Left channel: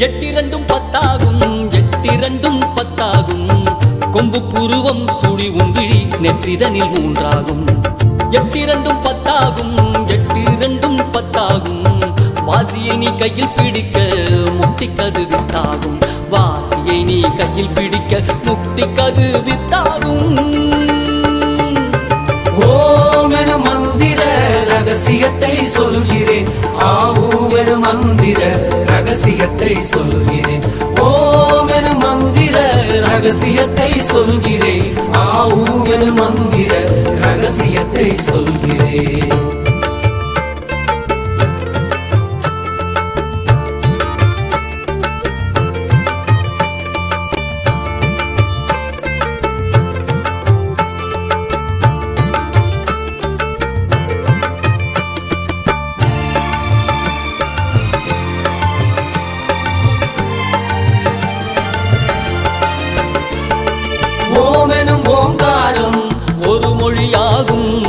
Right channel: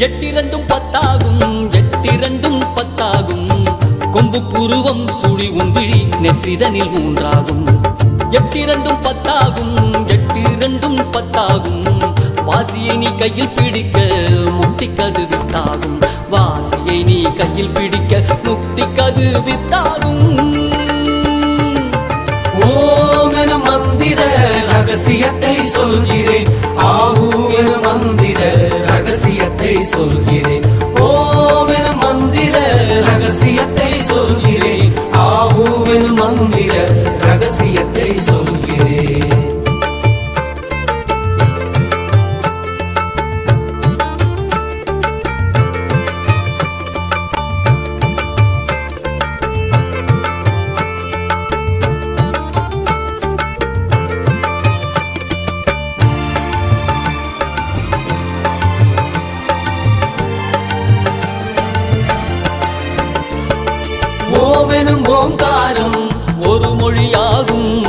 எட்டிரண்டும் பத்தாகும் எட்டிரண்டும் கொம்பு புருவம் சுழி உன்விழி நெற்றிதனில் மூன்றாகும். எட்டிரண்டும் பத்தாகும் எட்டிரண்டும் பத்தாகும். வாசியை நீ கையில் பிடிக்க முக்தி கது வித்தாகும். வாசியை நீ கையில் பிடிக்க முக்தி கது வித்தாகும். ஓமென மந்திர ரகசியத்தை ஓமெனும் ஓங்காரம் ஒரு மொழியாகும்.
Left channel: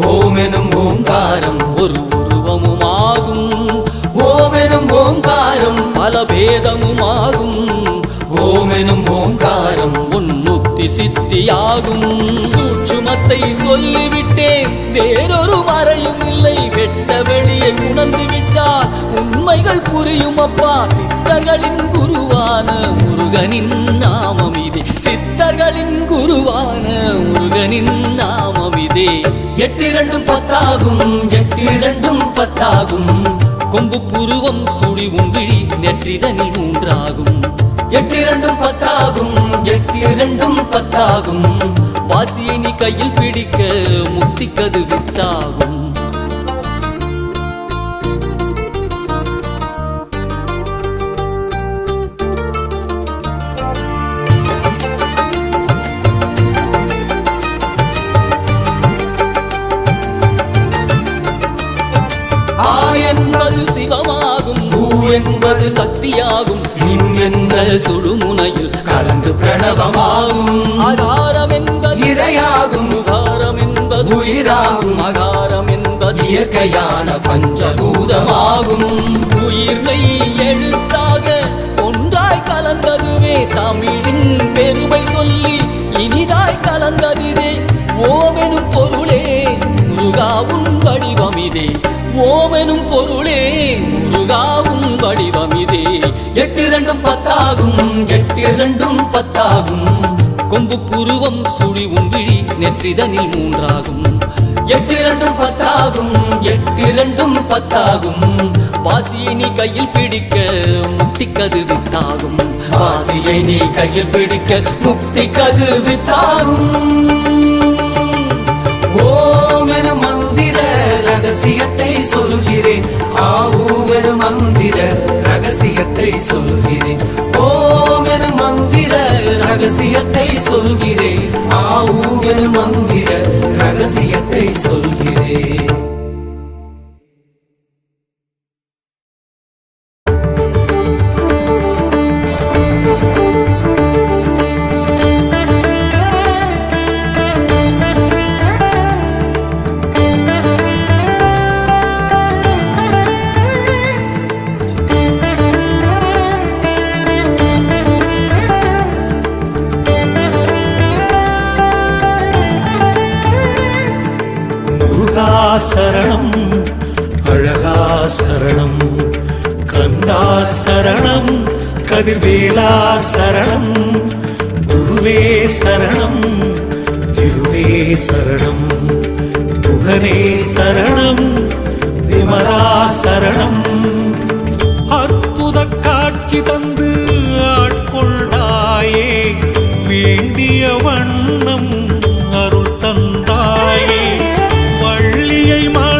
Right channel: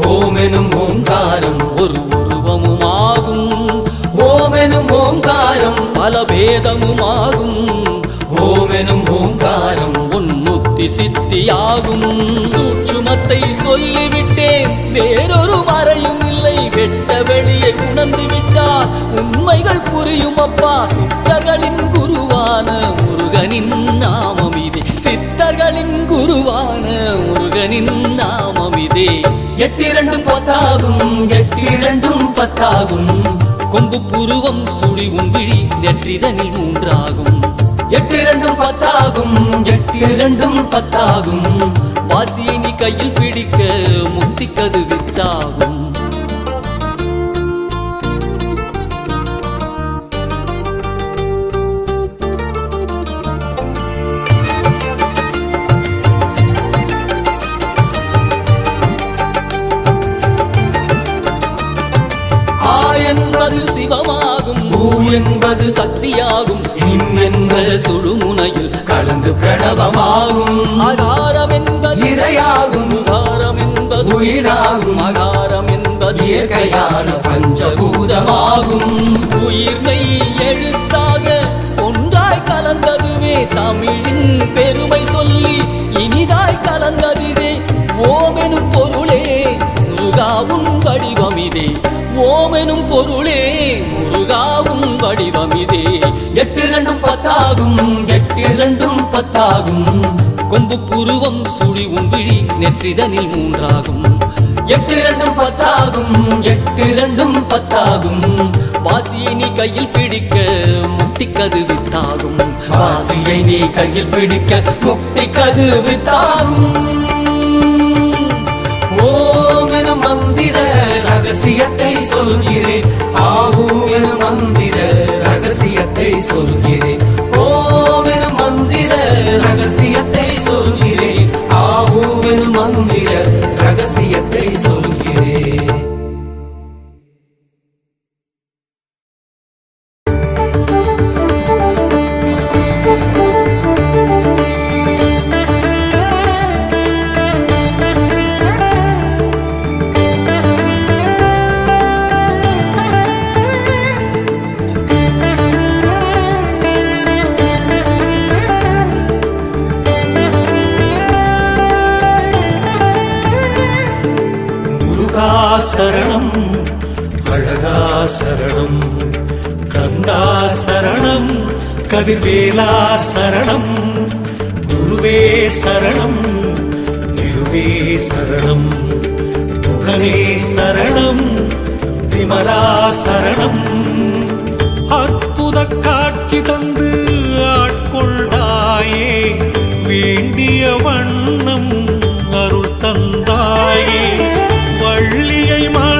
ஓமெனும் ஓங்காரம் ஒரு உருவமுமாகும். ஓமெனும் ஓங்காரம் பல பேதமுமாகும். ஓமெனும் ஓங்காரம் ஒன்று சித்தி சித்தியாகும். சூட்சுமத்தை சொல்லிவிட்டேன். வேறொரு மறையும் இல்லை. வெட்ட வெளியை உணர்ந்து விட்டால் உண்மைகள் புரியும் அப்பா. சித்தர்களின் குருவான முருகனின் நாமம் இதே. சித்தர்களின் குருவான முருகனின் நாமம் இதே. எட்டிரண்டும் பத்தாகும். எட்டிரண்டும் பத்தாகும். கொம்பு புருவம் சுழி உன்விழி நெற்றிதனில் மூன்றாகும். எட்டு இரண்டும் பத்தாகும் எட்டு இரண்டும் பத்தாகும். வாசியை நீ கையில் பிடிக்க முக்திக்கது கது வித்தாகும் என்பது சிவமாகும் ஊ என்பது சக்தியாகும் இம் என்ற சுழுமுனையில் கலந்து பிரணவமாகும். ஆகாரம் என்பது இரையாகும். உகாரம் என்பது உயிராகும். அகாரம் என்பது இயற்கையான பஞ்சபூதமாகும். உயிர்மை எழுத்தாக ஒன்றாய் கலந்ததுவே தமிழின் பெருமை சொல்லி இனிதாய் கலந்ததிதே ஓமெனும் பொருளே முருகாவும் வடிவமிதே. ஓமெனும் பொருளே முருகாவும் வடிவமிதே. எட்டு இரண்டும் பத்தாகும் எட்டு இரண்டும் பத்தாகும். கொம்பு புருவம் சுழி உன்விழி நெற்றிதனில் மூன்றாகும். எட்டிரண்டும் பத்தாகும் எட்டிரண்டும் பத்தாகும். பாசியை நீ கையில் பிடிக்க முக்தி கது வித்தாகும். பாசியை நீ கையில் பிடிக்க முக்தி கது வித்தாகும். சரணம். கந்தா சரணம் கதிர்வேலா சரணம். குருவே சரணம் திருவே சரணம். முகனே சரணம் விமலா சரணம். அற்புத காட்சி தந்து ஆட்கொண்டாயே வேண்டிய வண்ணம் அருள் தந்தாயே. வள்ளியை மா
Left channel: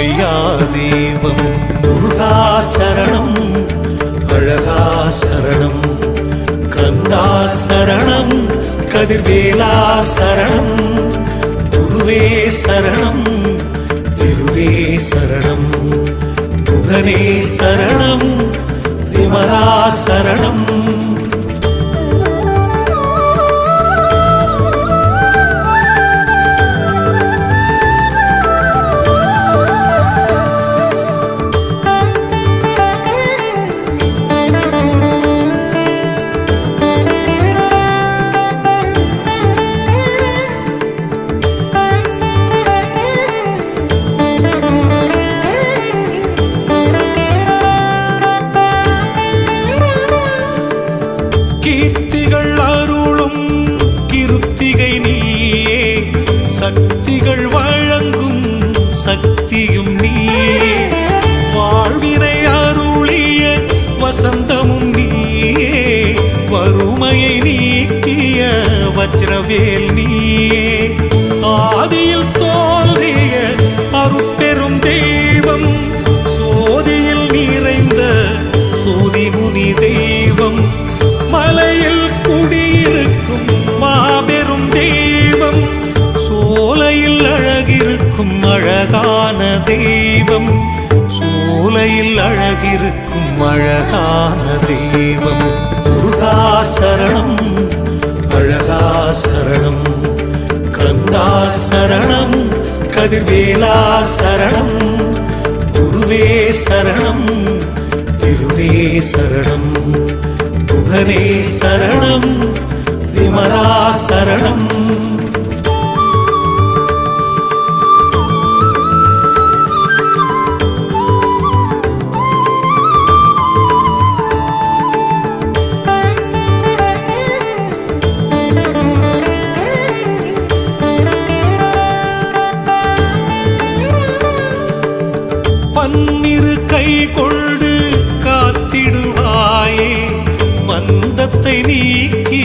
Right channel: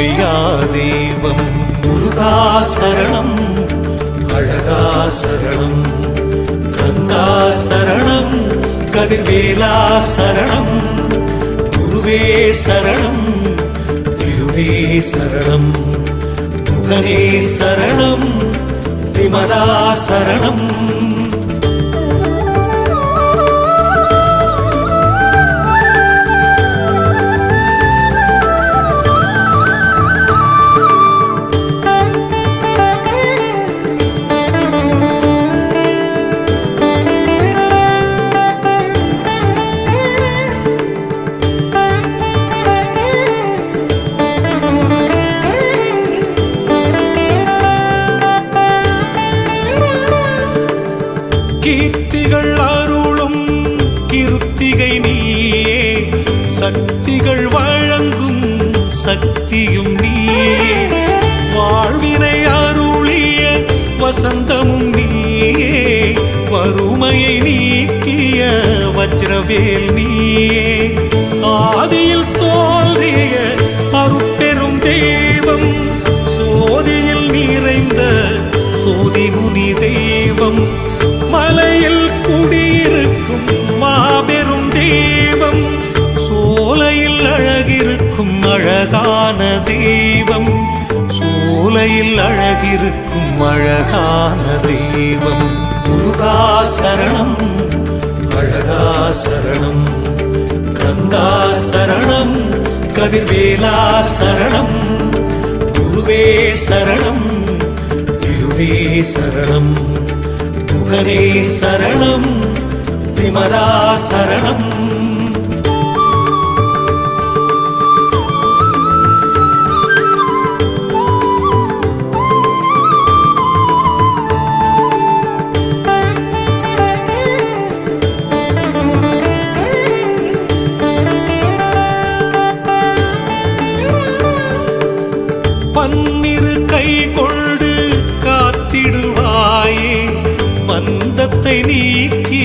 பொய்யா தெய்வம் முருகா சரணம் அழகா சரணம் கந்தா சரணம் கதிர்வேலா சரணம் குருவே சரணம் திருவே சரணம் முகனே சரணம் விமலா சரணம் கீர்த்திகள் அருளும் கிருத்திகை நீயே. சக்திகள் வழங்கும் சக்தியும் நீயே. வாழ்வினை அருளிய வசந்தமும் நீயே. வறுமையை நீக்கிய வஜ்ரவேல் நீயே. ஆதியில் தோன்றிய அழகிருக்கும் மாபெரும் தெய்வம். சோலையில் அழகிருக்கும் அழகான தெய்வம். சோலையில் அழகிருக்கும் அழகான தெய்வம். முருகா சரணம் அழகா சரணம் கந்தா சரணம் கதிர்வேலா சரணம் குருவே சரணம் திருவே சரணம் முகனே சரணம் விமலா சரணம் பன்னிரு கை கொண்டு காத்திடுவாயே மந்தத்தை நீக்கி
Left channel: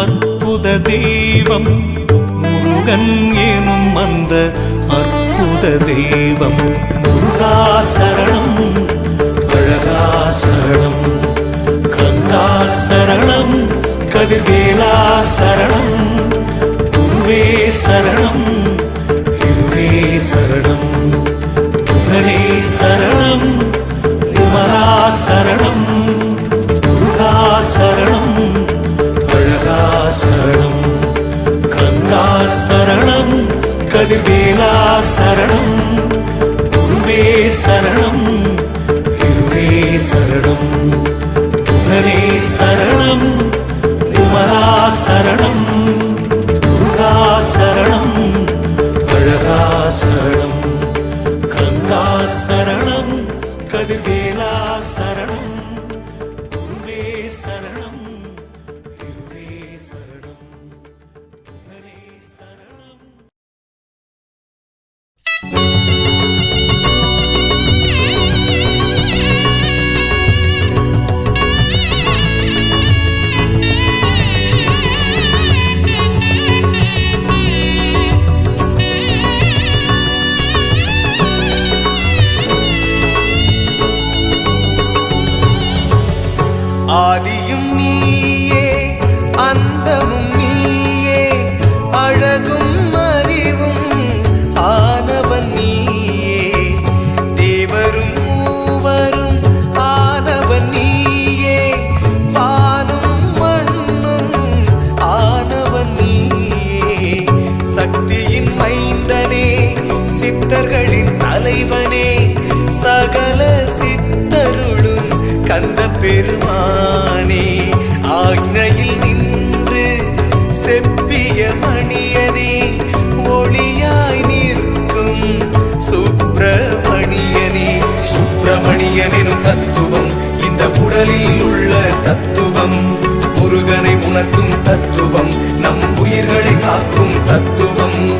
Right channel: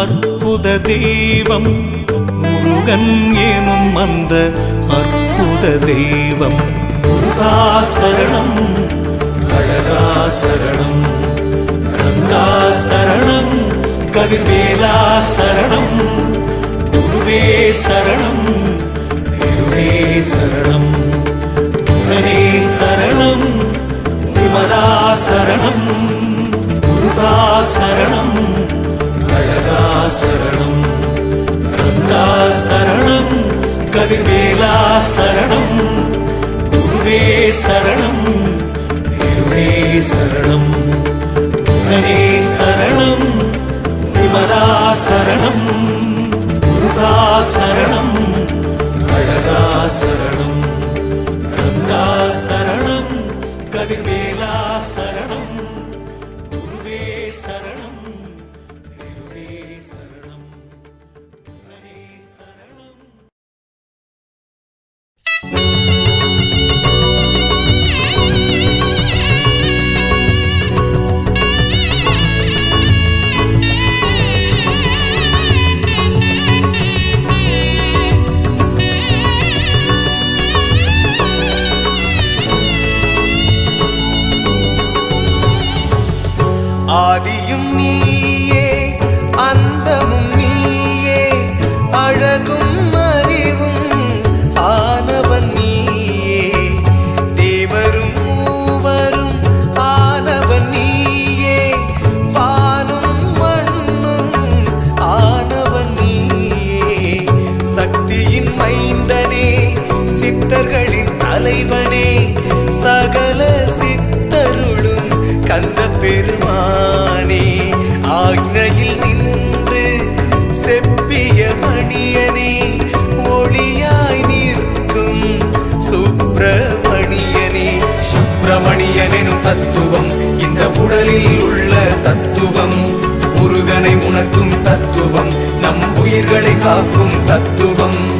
அற்புத தெய்வம். முருகன் எனும் அந்த அற்புத தெய்வம். முருகனெனும் தத்துவம். இந்த உடலில் உள்ள தத்துவம். முருகனை உணர்த்தும் தத்துவம். நம் உயிர்களை காக்கும் தத்துவம்.